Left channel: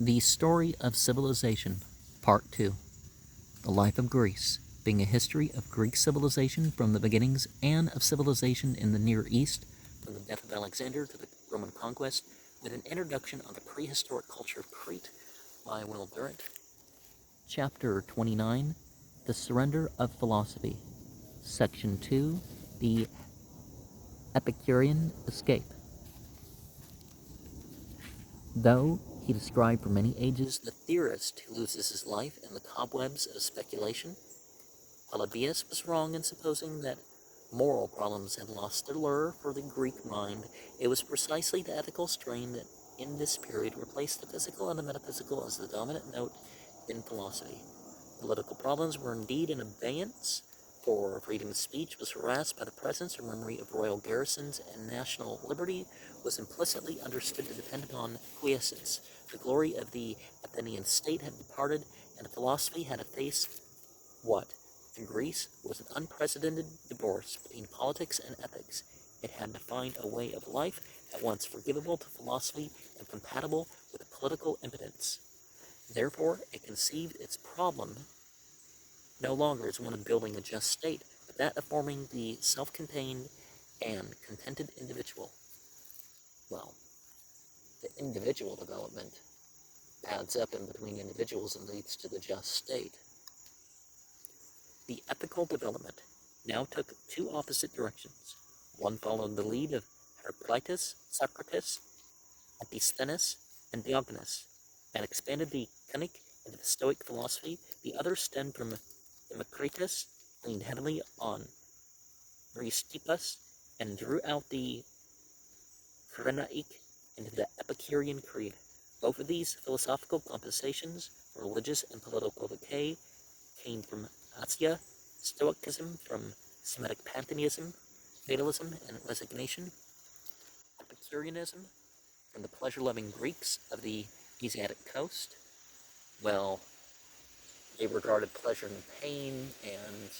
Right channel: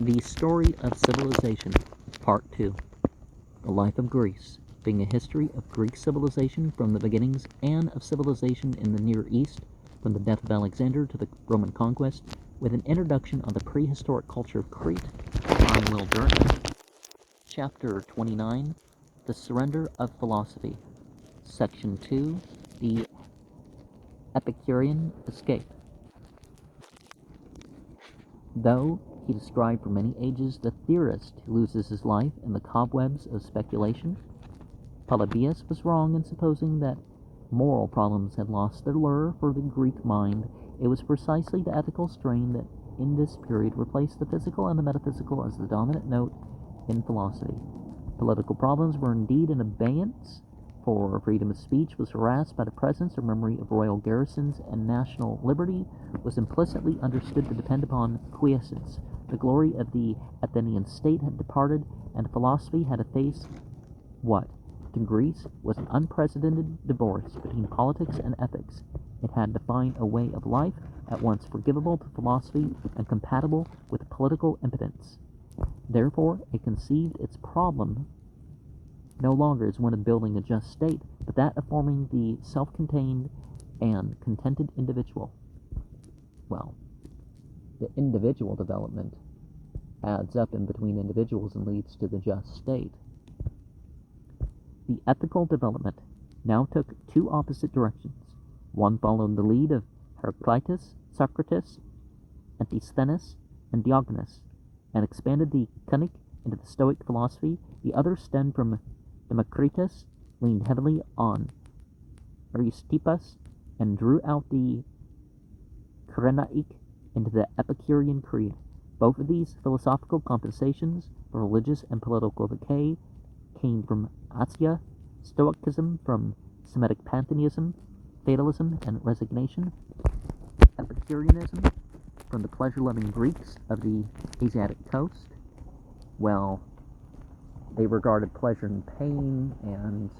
The Story of Civilization, Part 2. The Life of Greece, being a history of Greek civilization from the beginnings and of civilization in the Near East, from the death of Alexander to the Roman conquest, with an introduction of the prehistoric culture of Crete by Will Durant. Chapter 29, The Surrender of Philosophy. Section 2, The Epicurean Escape. Though he described for many ages the theorist who loses his life in the cobwebs of speculation, Polybius was wrong in supposing that moral problems had lost their lure for the Greek mind. It was precisely the ethical strain that in this period replaced the physical and the metaphysical as the dominant note in philosophy. Political problems were indeed in abeyance, for freedom of speech was harassed by the presence or memory of royal garrisons, and national liberty was implicitly understood to depend upon quiescence. The glory of the Athenian state had departed, and philosophy had to face what? To Greece was an unprecedented divorce between politics and ethics. It had to find a way of life at once forgivable to philosophy and compatible with political impotence. Therefore, it conceived its problem no longer as one of building a just state, but that of forming the self-contained and contented individual. Well, the individual development adds up in between individuals and leads to the just state. The ethical development now took two opposite directions. One followed the lead of Heraclitus, Socrates, Antisthenes, and Diogenes, and expanded the Conic into the Stoic philosophy. The other stemmed from Democritus, leaned heavily on Aristippus, and drew out the Cyrenaic into the Epicurean creed. Both of these philosophical compensations for religious and political decay came from Asia, Stoicism from Semitic pantheism, fatalism, and resignation, Epicureanism from the pleasure-loving Greeks of the Asiatic coast. Well, they regarded pleasure and pain, and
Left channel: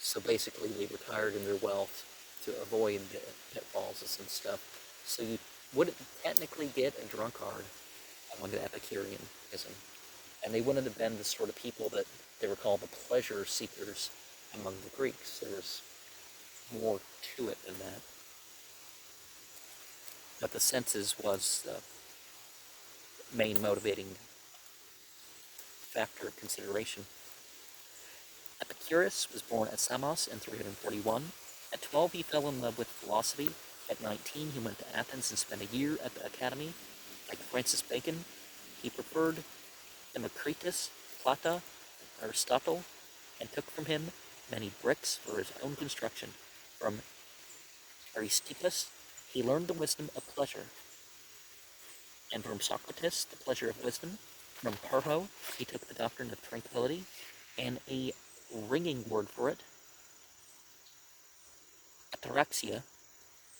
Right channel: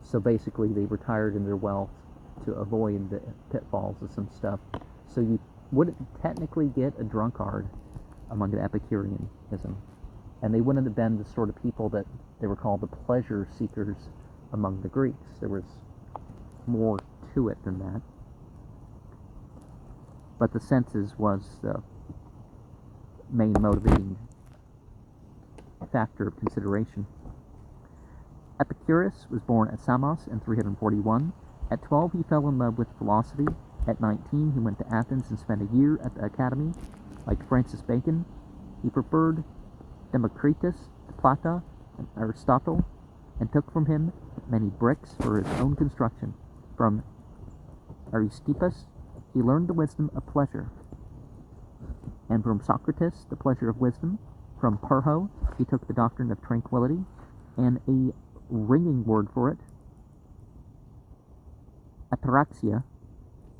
so basically they retired in their wealth to avoid the pitfalls of some stuff. So you wouldn't technically get a drunkard among the Epicureanism, and they wouldn't have been the sort of people that they were called the pleasure seekers among the Greeks. There was more to it than that. But the senses was the main motivating factor of consideration. Epicurus was born at Samos in 341. At 12, he fell in love with philosophy. At 19, he went to Athens and spent a year at the academy. Like Francis Bacon, he preferred Democritus, Plato, and Aristotle, and took from him many bricks for his own construction. From Aristippus, he learned the wisdom of pleasure, and from Socrates, the pleasure of wisdom. From Pyrrho, he took the doctrine of tranquility, and a ringing word for it, ataraxia.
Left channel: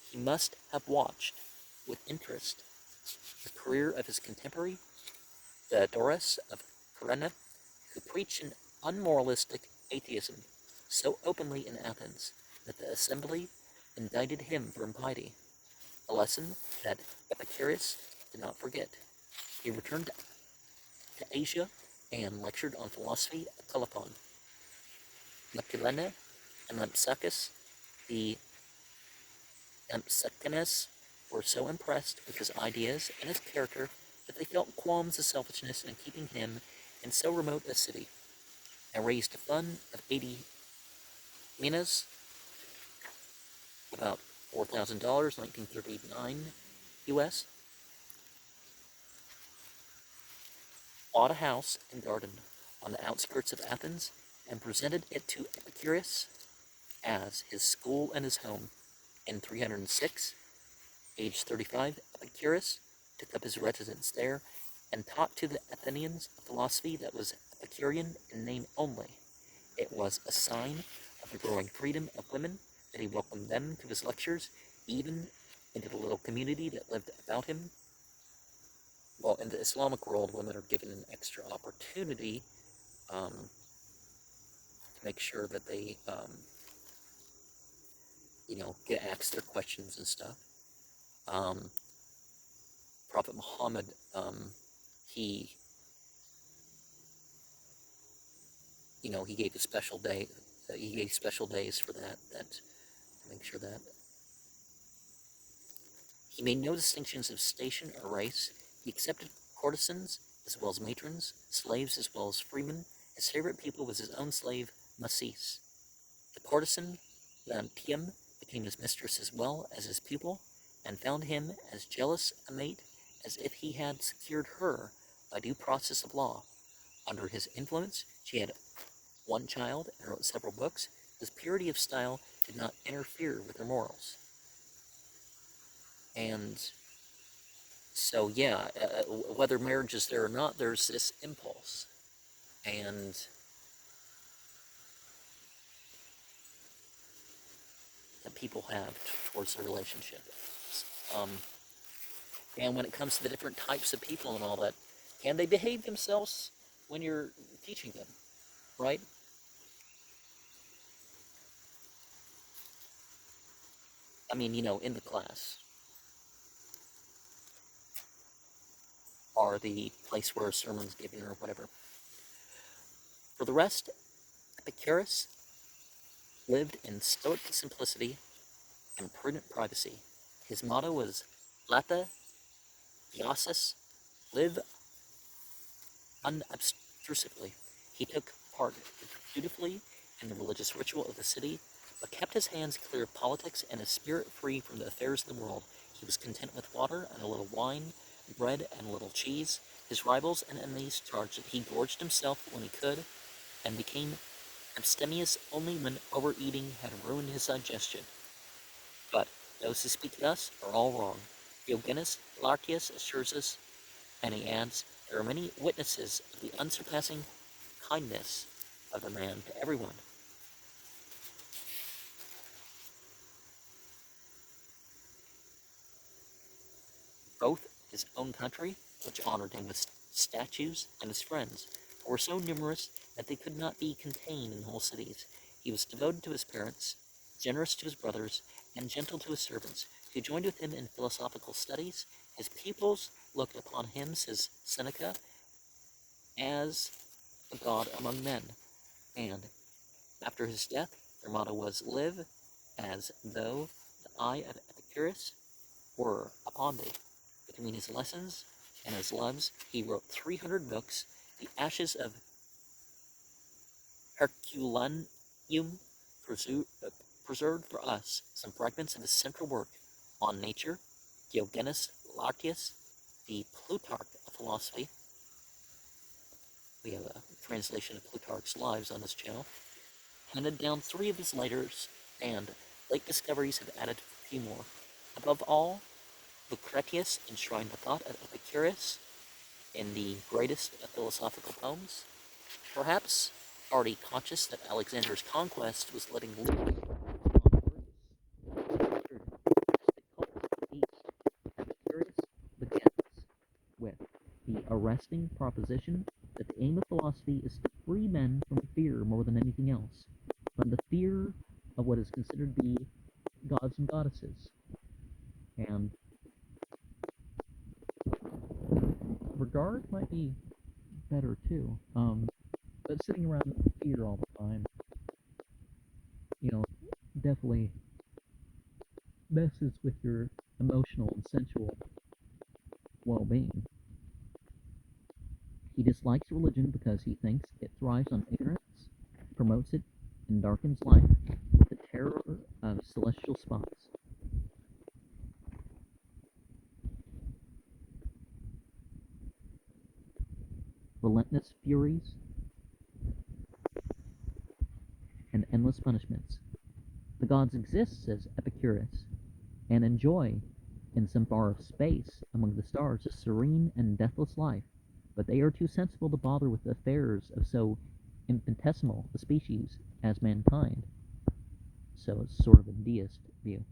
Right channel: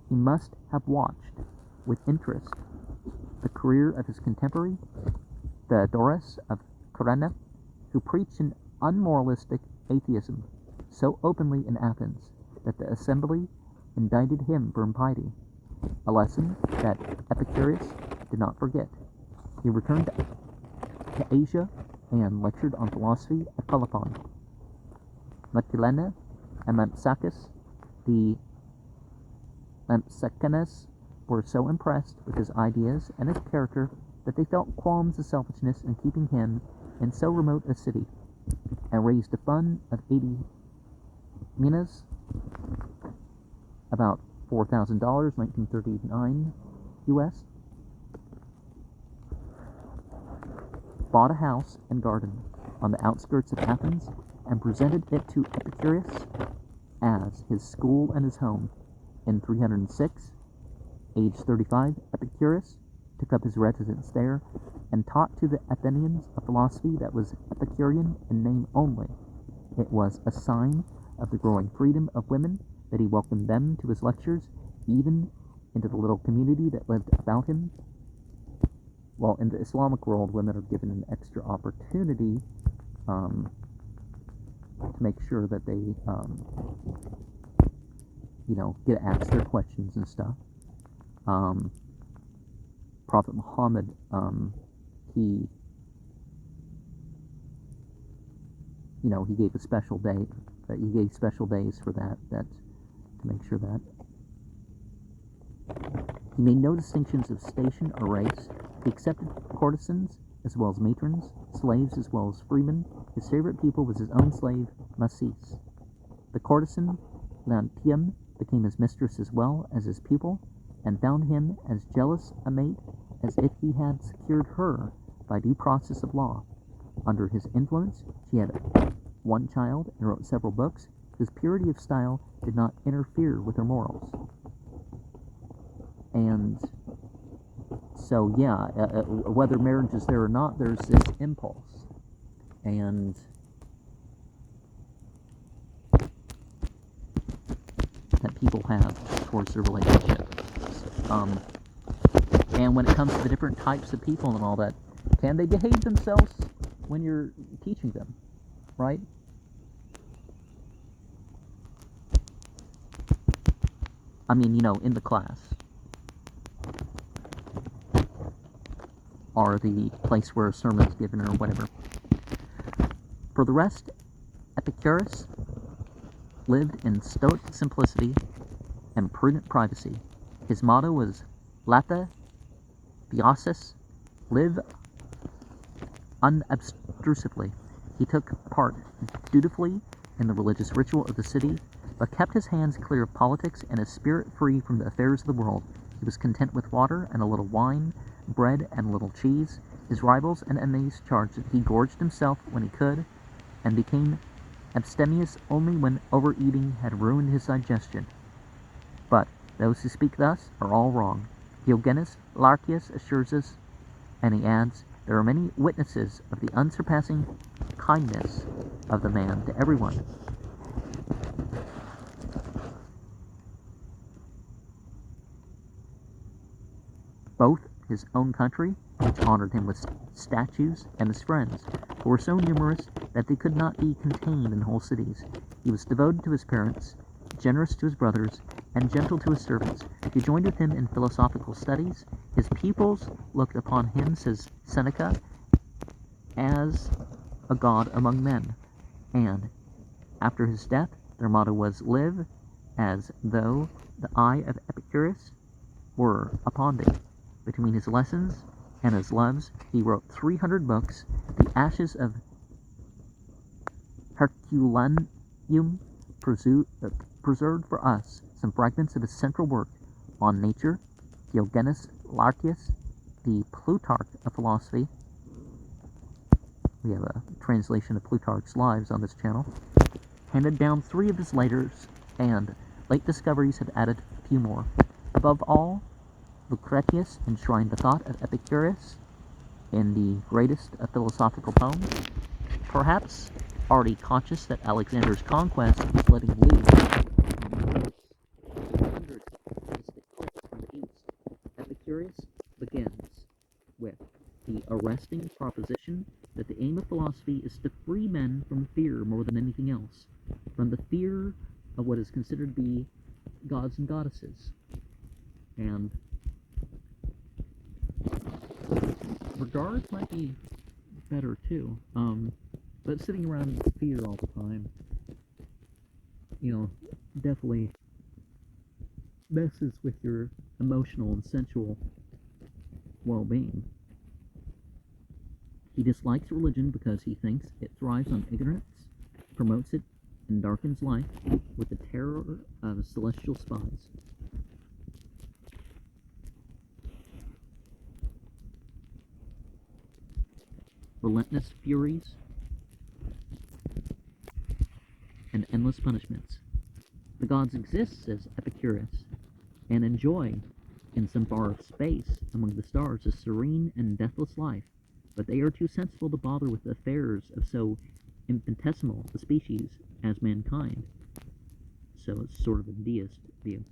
He must have watched with interest the career of his contemporary, Theodorus of Corinna, who preached an unmoralistic atheism so openly in Athens that the assembly indicted him for impiety, a lesson that Epicurus did not forget. He returned to Asia and lectured on philosophy at Colophon. Leptilene and Lampsacus, the Lampsacanes, were so impressed with his ideas and his character that they felt qualms of selfishness in keeping him in so remote a city, and raised a fund of 80 minas, about $4,000, 1939 US, bought a house and garden on the outskirts of Athens, and presented it to Epicurus as his school and his home. In 306, age 35, Epicurus took up his residence there and taught to the Athenians a philosophy that was Epicurean in name only. It was a sign of the growing freedom of women that he welcomed them to his lectures, even into the little community that lived about him. Well, in the Islamic world, women are given an extra opportunity to make sure that they, get asked their questions and stuff. Prophet Muhammad, he he gave a special day. He gave special days for that to make sure that he made no distinctions of station or race. He accepted courtesans as well as matrons, slaves as well as freemen. His favorite pupil was his own slave, Masis. The courtesan, Lantiem, became his mistress as well as his pupil, and found him as jealous a mate as if he had secured her by due process of law. Under his influence, she had one child and wrote several books whose purity of style did not interfere with her morals. And so, yeah, whether marriage is there or not, there's this impulse. And that people have towards their relationship. And when it comes to the different types of people and all that, can they behave themselves when you're teaching them, right? I mean, in the class, or the place where a sermon is given, or whatever. For the rest, Epicurus lived in stoic simplicity and prudent privacy. His motto was Lata Theosis, live unobtrusively. He took part dutifully in the religious ritual of the city, but kept his hands clear of politics and his spirit free from the affairs of the world. He was content with water and a little wine, bread and a little cheese. His rivals and enemies charged that he gorged himself when he could, and became abstemious only when overeating had ruined his digestion. But those who speak thus are all wrong. Diogenes Laertius assures us, and he adds, there are many witnesses of the unsurpassing kindness of the man to everyone. Both his own country, which honored him with statues, and his friends, who were so numerous that they could not be contained in whole cities. He was devoted to his parents, generous to his brothers, and gentle to his servants, who joined with him in philosophical studies. His pupils looked upon him, says Seneca, as a god among men, and after his death, their motto was, live as though the eye of Epicurus were upon thee. Between his lessons and his loves, he wrote 300 books. The ashes of Herculaneum preserved for us some fragments of his central work on nature. Diogenes Laertius, the Plutarch of philosophy. We have a translation of Plutarch's Lives on this channel. Handed down 3 of his letters, and late discoveries have added a few more. Above all, Lucretius enshrined the thought of Epicurus in the greatest of philosophical poems. Perhaps already conscious that Alexander's conquest was letting loose Epicurus begins with the arresting proposition that the aim of philosophy is to free men from fear more than anything else, from the fear of what is considered to be gods and goddesses. And regard might be better too, but sitting around in fear all the time, definitely messes with your emotional and sensual well-being. He dislikes religion because he thinks it thrives on ignorance, promotes it, and darkens life with the terror of celestial spots. Relentless furies, and endless punishments. The gods exist, says Epicurus, and enjoy, in some far space among the stars, a serene and deathless life, but they are too sensible to bother with the affairs of so infinitesimal a species as mankind. So it's sort of a deist view.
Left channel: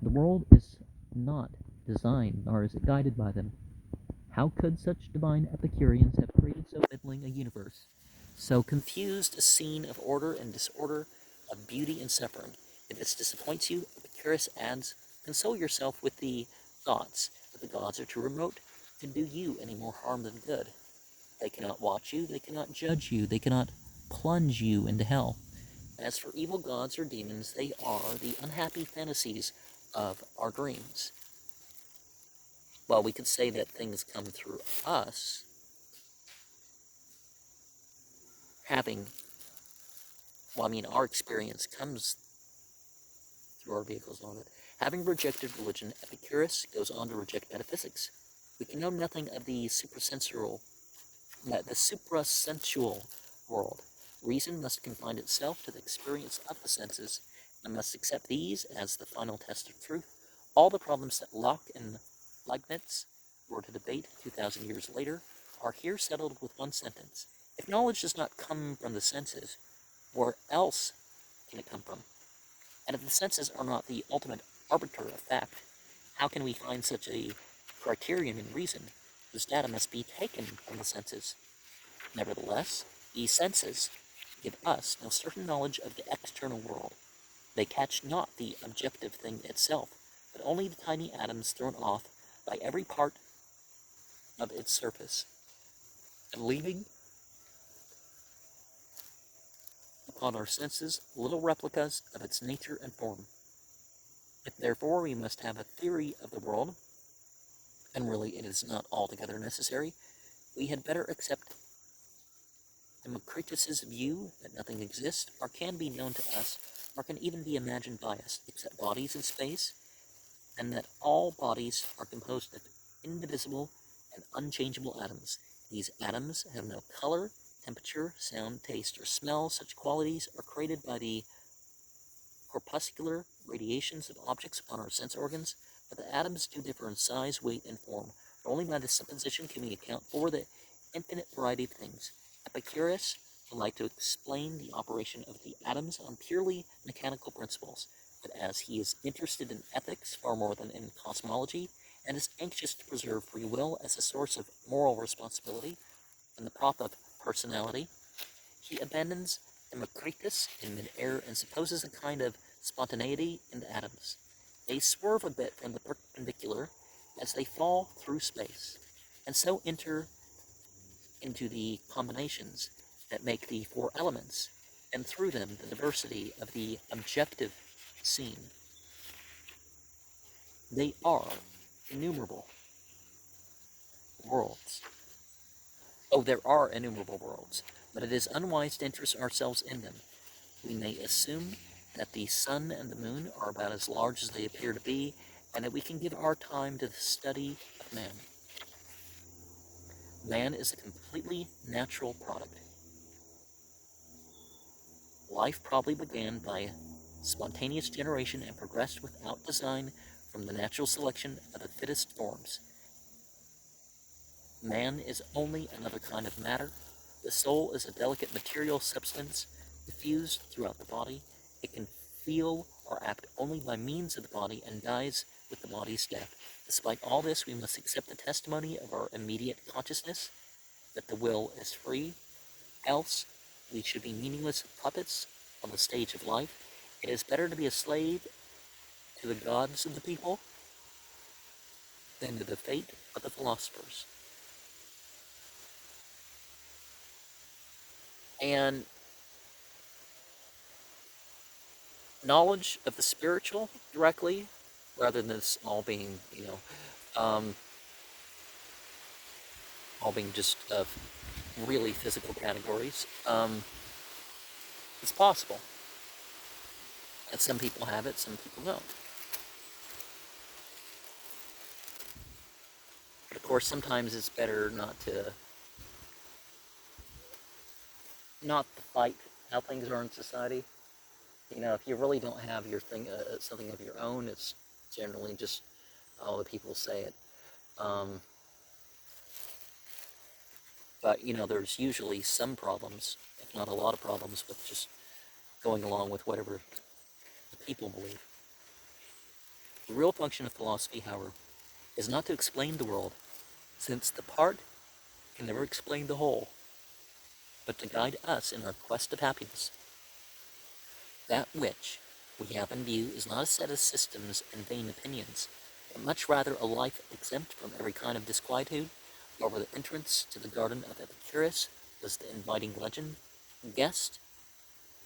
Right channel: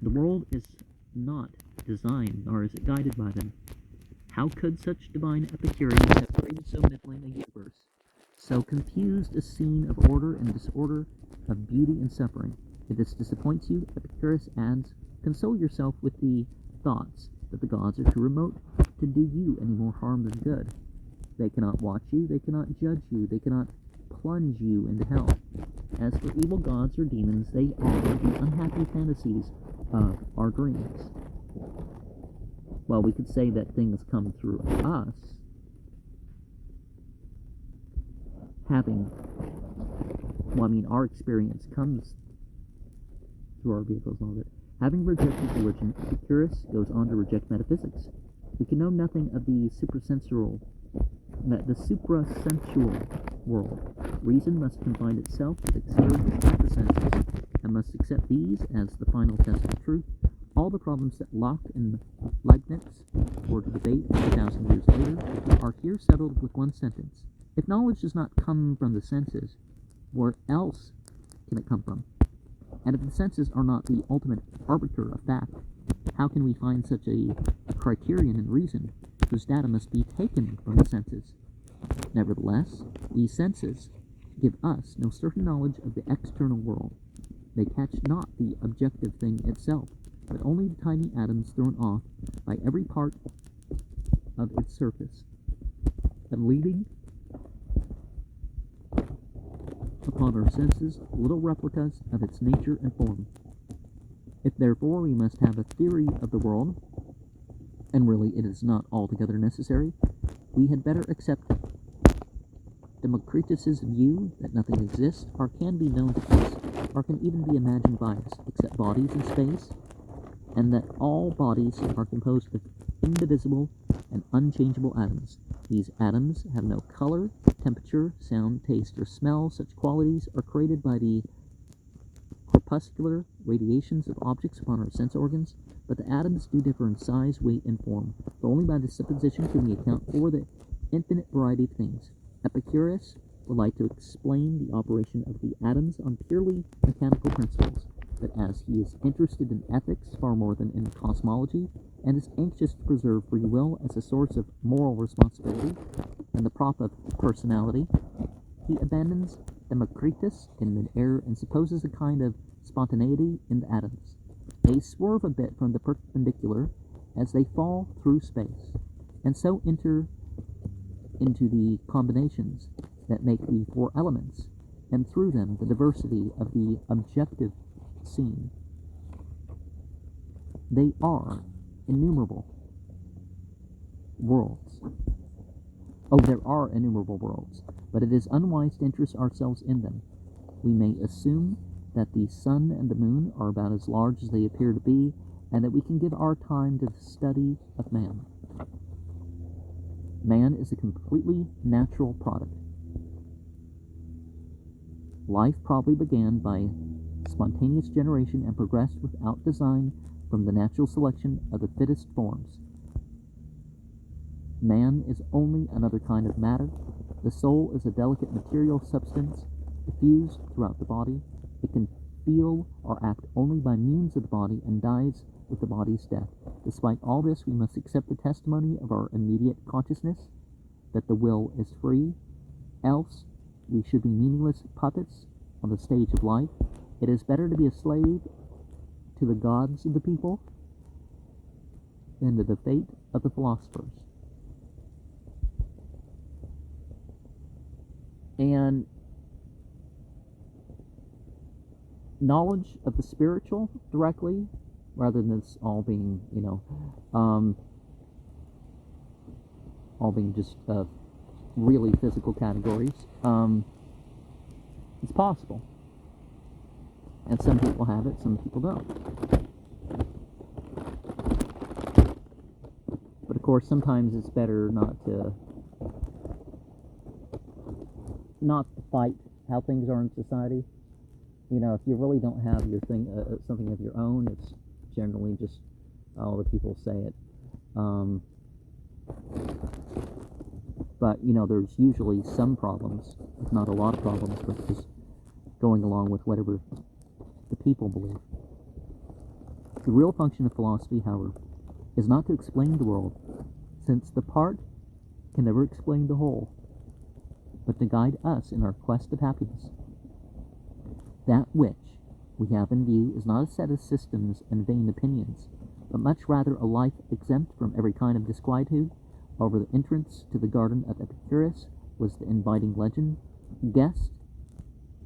The world is not designed, nor is it guided by them. How could such divine Epicureans have created so middling a universe, so confused a scene of order and disorder, of beauty and suffering? If this disappoints you, Epicurus adds, console yourself with the thoughts that the gods are too remote to do you any more harm than good. They cannot watch you, they cannot judge you, they cannot plunge you into hell. As for evil gods or demons, they are the unhappy fantasies of our dreams. While we could say that things come through us, our experience comes through our vehicles and all that. Having rejected religion, Epicurus goes on to reject metaphysics. We can know nothing of the suprasensual world. Reason must confine itself to the experience of the senses, and must accept these as the final test of truth. All the problems that Locke and Leibniz were to debate 2,000 years later are here settled with one sentence. If knowledge does not come from the senses, where else can it come from? And if the senses are not the ultimate arbiter of fact, how can we find such a criterion in reason, whose data must be taken from the senses? Nevertheless, these senses give us no certain knowledge of the external world. They catch not the objective thing itself, but only the tiny atoms thrown off by every part of its surface, and leaving upon our senses little replicas of its nature and form. If therefore we must have a theory of the world, and really it is not altogether necessary, we had better accept Democritus's view that nothing exists, or can be known to us, or can even be imagined by us, except bodies in space, and that all bodies are composed of indivisible and unchangeable atoms. These atoms have no color, temperature, sound, taste, or smell. Such qualities are created by the corpuscular radiations of objects upon our sense organs, but the atoms do differ in size, weight, and form, for only by this supposition can we account for the infinite variety of things. Epicurus would like to explain the operation of the atoms on purely mechanical principles, but as he is interested in ethics far more than in cosmology, and is anxious to preserve free will as a source of moral responsibility and the prop of personality, he abandons Democritus in mid-air and supposes a kind of spontaneity in the atoms. They swerve a bit from the perpendicular as they fall through space, and so enter into the combinations that make the four elements, and through them the diversity of the objective scene. They are innumerable worlds. There are innumerable worlds, but it is unwise to interest ourselves in them. We may assume that the sun and the moon are about as large as they appear to be, and that we can give our time to the study of man. Man is a completely natural product. Life probably began by spontaneous generation and progressed without design from the natural selection of the fittest forms. Man is only another kind of matter. The soul is a delicate material substance diffused throughout the body. It can feel or act only by means of the body and dies with the body's death. Despite all this, we must accept the testimony of our immediate consciousness that the will is free, else we should be meaningless puppets on the stage of life. It is better to be a slave to the gods of the people than to the fate of the philosophers. And knowledge of the spiritual directly, rather than this all being, all being just really physical categories, is possible. And some people have it, some people don't. But of course, sometimes it's better not to fight how things are in society. If you really don't have your thing, something of your own, it's generally just, the people say it. But, there's usually some problems, if not a lot of problems, with just going along with whatever the people believe. The real function of philosophy, however, is not to explain the world, since the part can never explain the whole, but to guide us in our quest of happiness. That which we have in view is not a set of systems and vain opinions, but much rather a life exempt from every kind of disquietude. Over the entrance to the garden of Epicurus was the inviting legend, "Guest,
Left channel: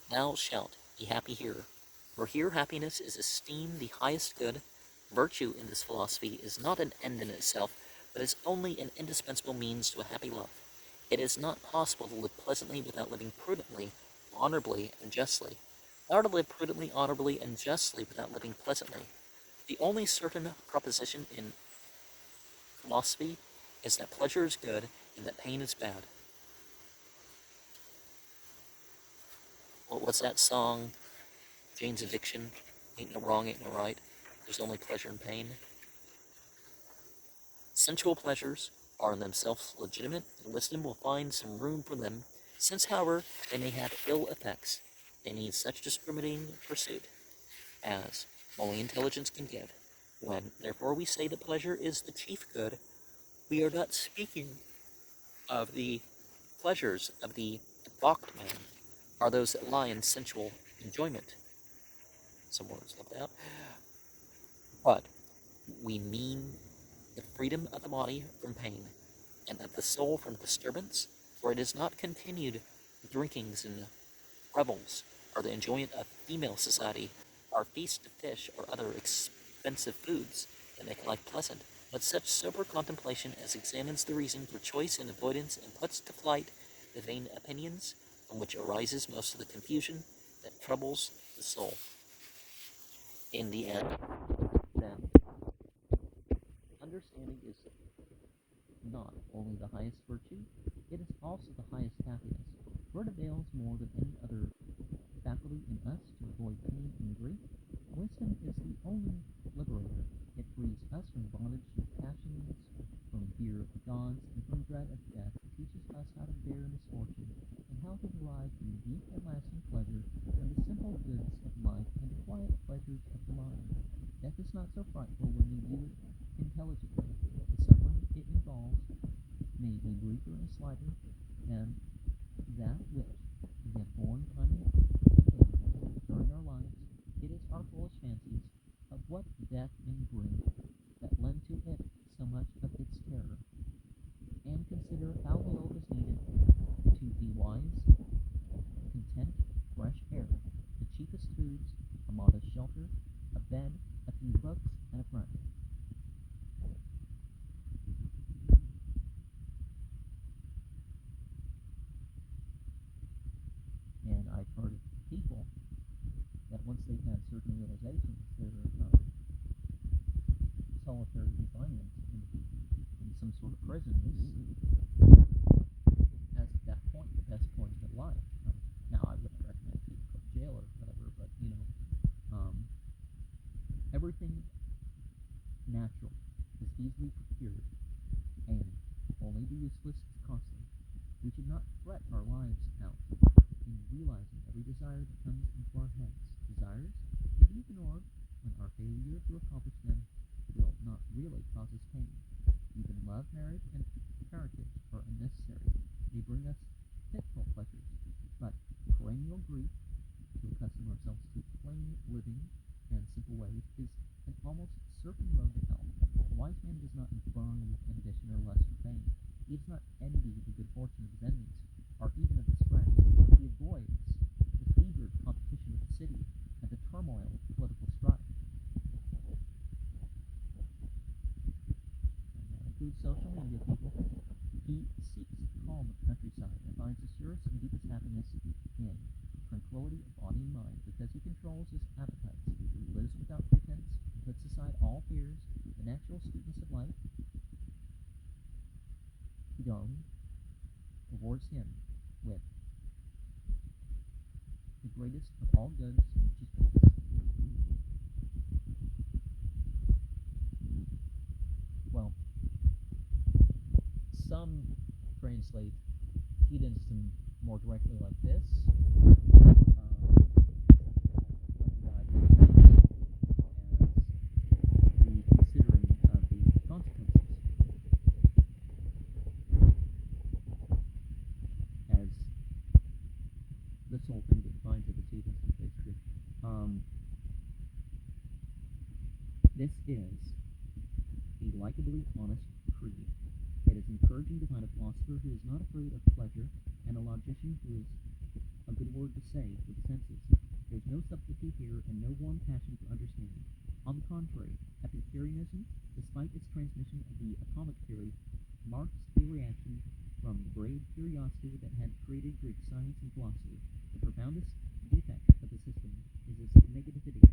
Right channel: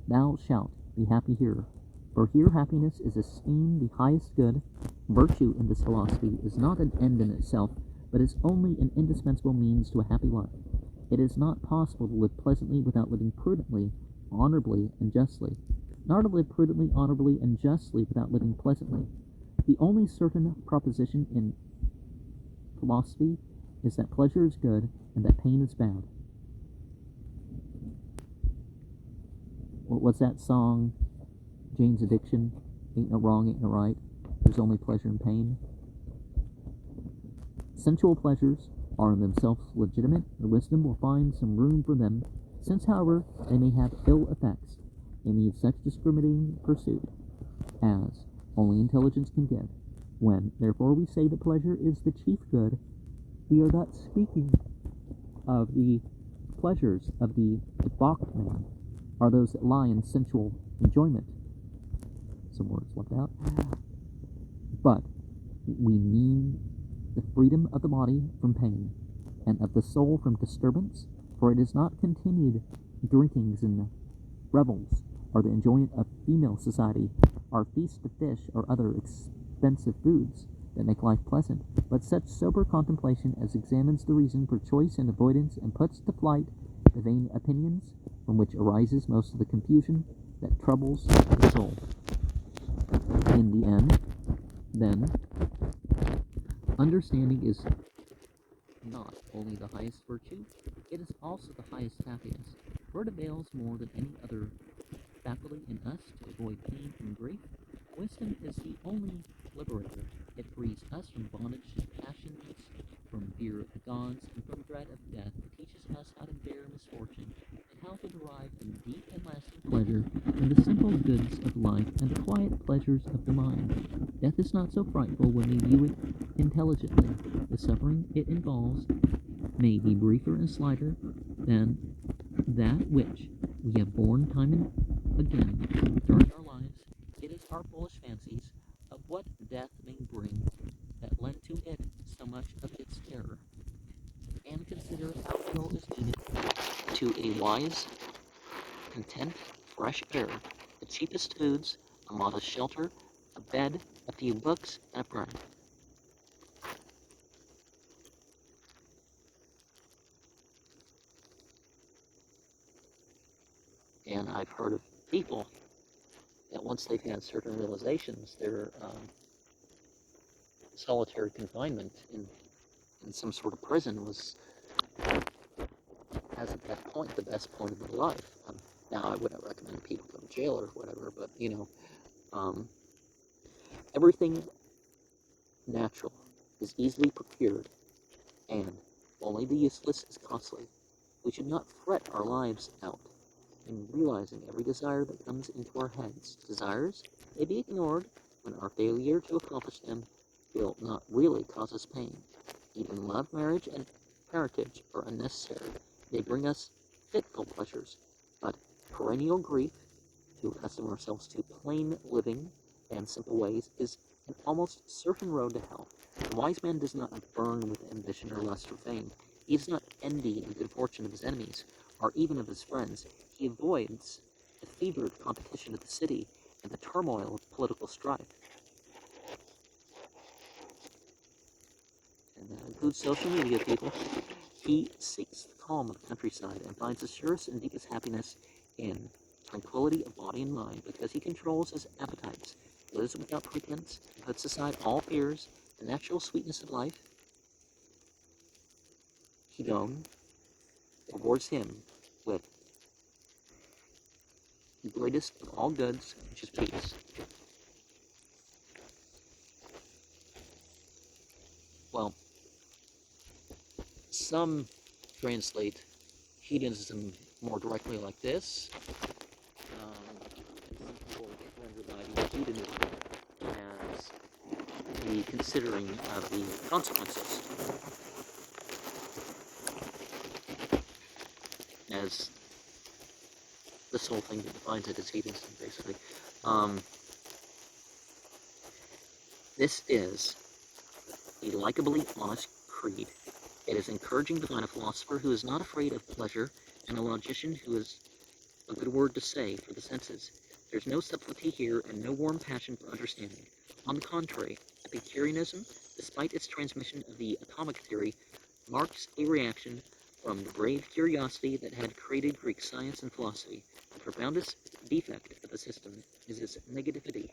thou shalt be happy here." For here happiness is esteemed the highest good. Virtue in this philosophy is not an end in itself, but is only an indispensable means to a happy life. It is not possible to live pleasantly without living prudently, honorably, and justly, nor to live prudently, honorably, and justly without living pleasantly. The only certain proposition in philosophy is that pleasure is good and that pain is bad. What's that song? Jane's Addiction. Ain't no wrong, ain't no right. There's only pleasure and pain. Sensual pleasures are in themselves legitimate, and wisdom will find some room for them. Since, however, they may have ill effects, they need such discriminating pursuit as only intelligence can give. When, therefore, we say that pleasure is the chief good, we are not speaking of the pleasures of the debauched man, or those that lie in sensual enjoyment. Some words left out. But we mean the freedom of the body from pain, and of the soul from disturbance, for it is not continued drinkings and revels, or the enjoyment of female society, or feast of fish, or other expensive foods that make life pleasant, but such sober contemplation as examines the reason for choice and avoidance, and puts to flight the vain opinions from which arises most of the confusion that troubles the soul. In the end, then, understanding is not only the highest virtue, it is also the highest happiness, for it avails more than any other faculty in us to avoid pain and grief. Wisdom is the only liberator. It frees us from bondage to passions, from fear of the gods, and from dread of death. It teaches us how to bear misfortune, and how to derive a deep and lasting pleasure from the simple goods of life and the quiet pleasures of the mind. Death is not so frightful when we view it intelligently. The suffering it involves may be briefer and slighter than that which we have borne time and again during our lives. It is our foolish fancies of what death may bring that lend to it so much of its terror. And consider how little is needed to a wise, content, fresh air, the cheapest foods, a modest shelter, a bed, a few books, and a prayer. And I've heard of people that once they've had certain realizations, their solitary confinement in some sort of prison was, as at that point, the best point of their life. Now, I wouldn't recommend people go to jail or whatever, but, everything natural is easily procured, and only the useless is costly. We should not fret our lives out in realizing every desire that comes into our heads. Desires may be ignored when our failure to accomplish them will not really cause us pain. Even love, marriage, and parentage are unnecessary. They bring us fitful pleasures, but perennial grief, to accustom ourselves to plain living and simple ways, is an almost certain road to hell. The wise man does not burn with ambition or lust for fame. He does not envy the good fortune of his enemies, or even of his friends. He avoids the fevered competition of the city and the turmoil of political strife. And that includes social media, people. He seeks the calm of the countryside and finds the surest and deepest happiness in tranquility of body and mind, because he controls his appetites, lives without pretense, and puts aside all fears, the natural sweetness of life. Hedon rewards him with the greatest of all goods, which is peace. Well, some translate hedonism more directly like this. Some people render the idea of hedonism as the considering of the consequences, as this whole thing that defines it as hedonism, basically. This is a likably honest creed. It is encouraging to find a philosopher who is not afraid of pleasure and a logician who has a good word to say for the senses. There's no subtlety here and no warm passion for understanding. On the contrary, Epicureanism, despite its transmission of the atomic theory, marks a reaction from the brave curiosity that had created Greek science and philosophy. The profoundest defect of the system is its negativity.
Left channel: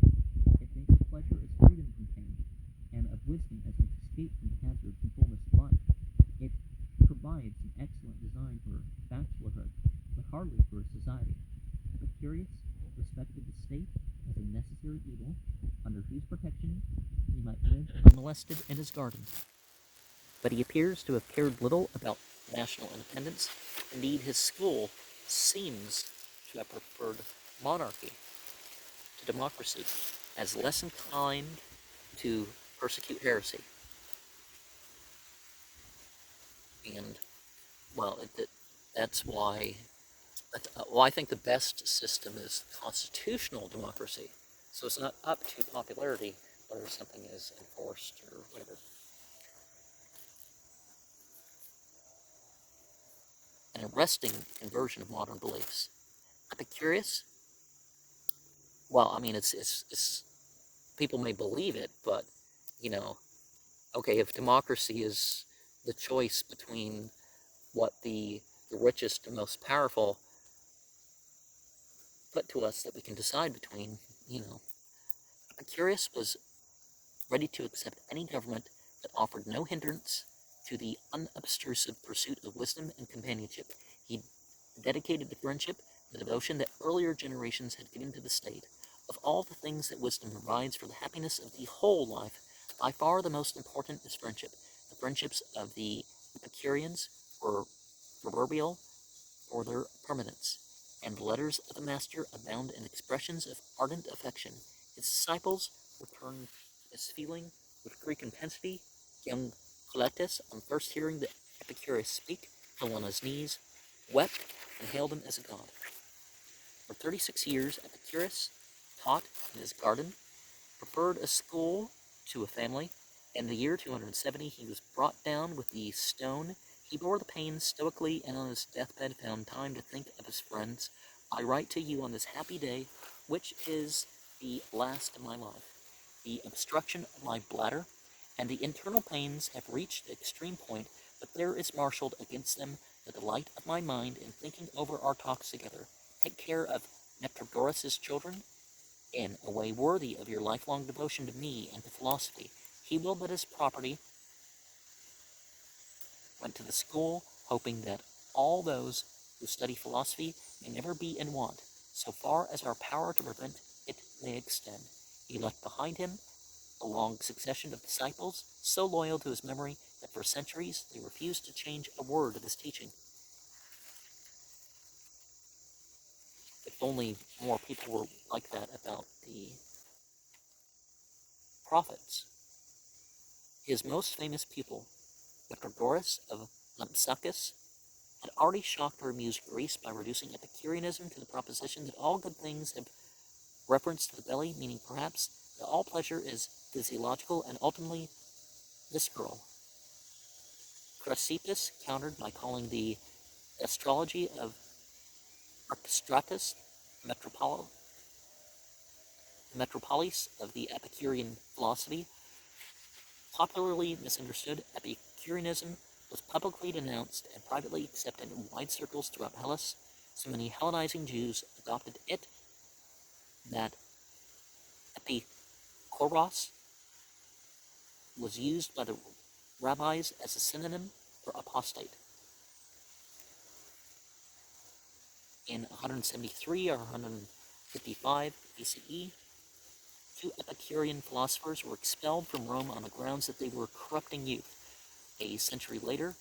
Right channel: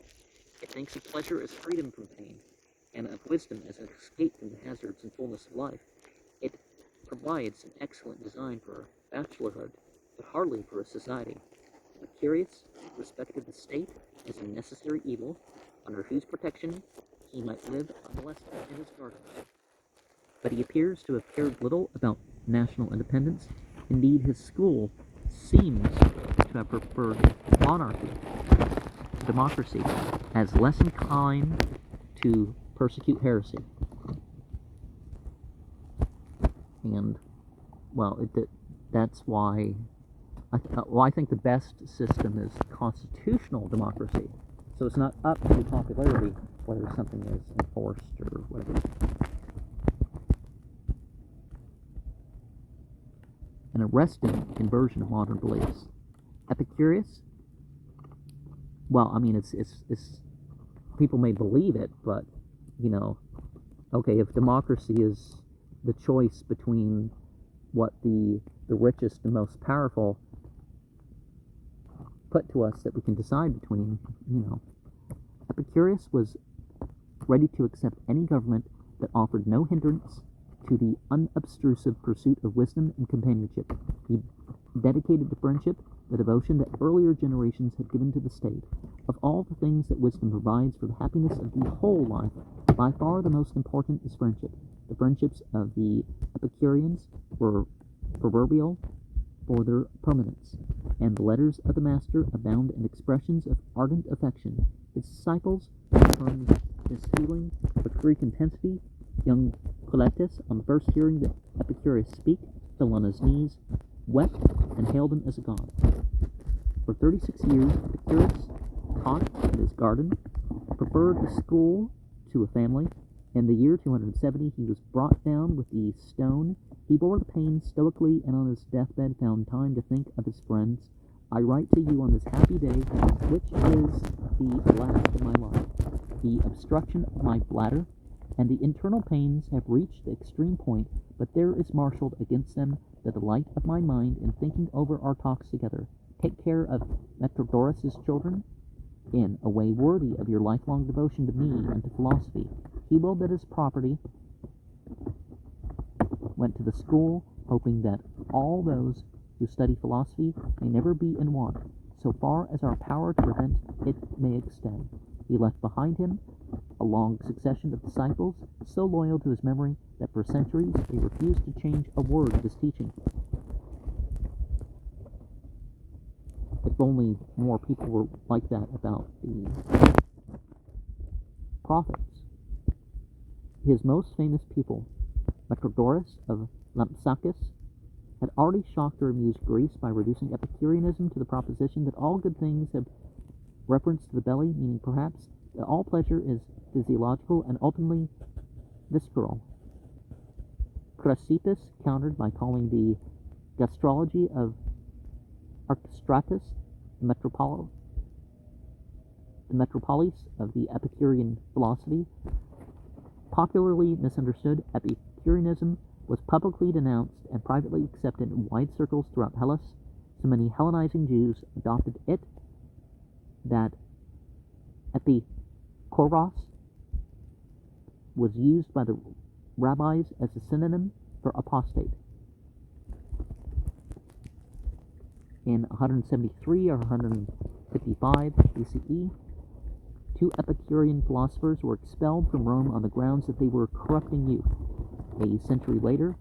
It thinks of pleasure as freedom from pain, and of wisdom as an escape from the hazards and fullness of life. It provides an excellent design for bachelorhood, but hardly for a society. Epicurus respected the state as a necessary evil, under whose protection he might live unmolested in his garden. But he appears to have cared little about national independence. Indeed, his school seems to have preferred monarchy to democracy, as less inclined to persecute heresy. And, well, that's why I think the best system is constitutional democracy. So it's not up to popularity whether something is enforced or whatever. An arresting inversion of modern beliefs. Epicurus, well, I mean, it's people may believe it, but, okay, if democracy is the choice between what the richest and most powerful put to us that we can decide between, Epicurus was ready to accept any government that offered no hindrance to the unobtrusive pursuit of wisdom and companionship. He dedicated to friendship the devotion that earlier generations had given to the state. Of all the things that wisdom provides for the happiness of the whole life, by far the most important is friendship. The friendships of the Epicureans were proverbial for their permanence, and the letters of the master abound in expressions of ardent affection. His disciples affirmed this feeling with Greek intensity. Young Coletus, on first hearing the Epicurus speak, fell on his knees, wept, and hailed him as a god. For 36 years, Epicurus taught in his garden, preferred a school to a family. In the year 270, he was brought down with the stone. He bore the pain stoically, and on his deathbed found time to think of his friends. I write to you on this happy day, which is the last of my life. The obstruction of my bladder and the internal pains have reached the extreme point, but there is marshaled against them the delight of my mind in thinking over our talks together. Take care of Metrodorus's children in a way worthy of your lifelong devotion to me and to philosophy. He will that his property went to the school, hoping that all those who study philosophy may never be in want, so far as our power to prevent it may extend. He left behind him a long succession of disciples, so loyal to his memory that for centuries they refused to change a word of his teaching. If only more people were like that about the prophets. His most famous pupil, Metrodorus of Lampsacus, had already shocked or amused Greece by reducing Epicureanism to the proposition that all good things have reference to the belly, meaning perhaps that all pleasure is physiological and ultimately visceral. Chrysippus countered by calling the gastrology of Archestratus the metropolis of the Epicurean philosophy. Popularly misunderstood, Epicureanism was publicly denounced and privately accepted in wide circles throughout Hellas. So many Hellenizing Jews adopted it that epikoros was used by the rabbis as a synonym for apostate. In 173 or 155 BCE, 2 Epicurean philosophers were expelled from Rome on the grounds that they were corrupting youth. A century later,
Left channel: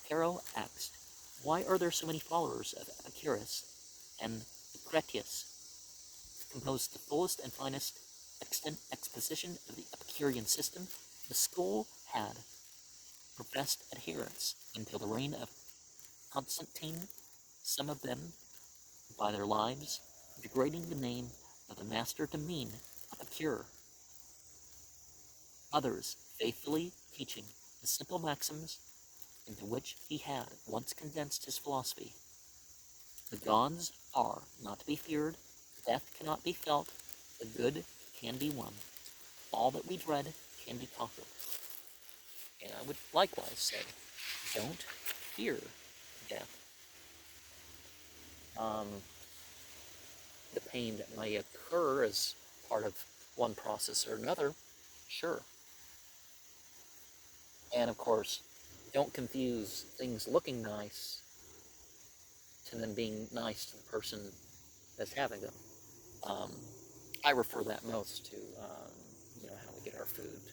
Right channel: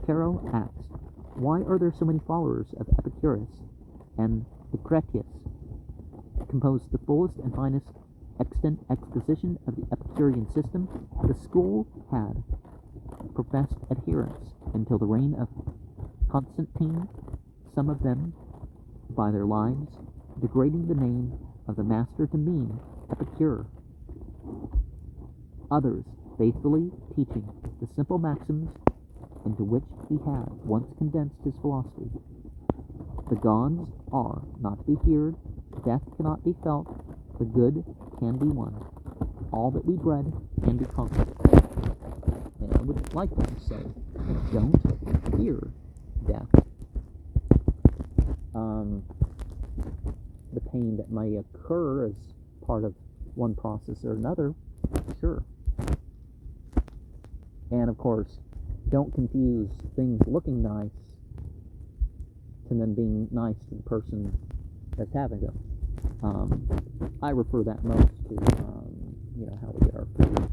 Cicero asked, "Why are there so many followers of Epicurus?" And Lucretius composed the fullest and finest extant exposition of the Epicurean system. The school had professed adherents until the reign of Constantine, some of them, by their lives, degrading the name of the master to mean Epicure. Others faithfully teaching the simple maxims into which he had once condensed his philosophy. The gods are not to be feared, death cannot be felt, the good can be won. All that we dread can be conquered. And I would like them to say, don't fear death. The pain that may occur as part of one process or another, sure. And of course, don't confuse things looking nice to then being nice to the person that's having them. I refer that most to, how we get our food.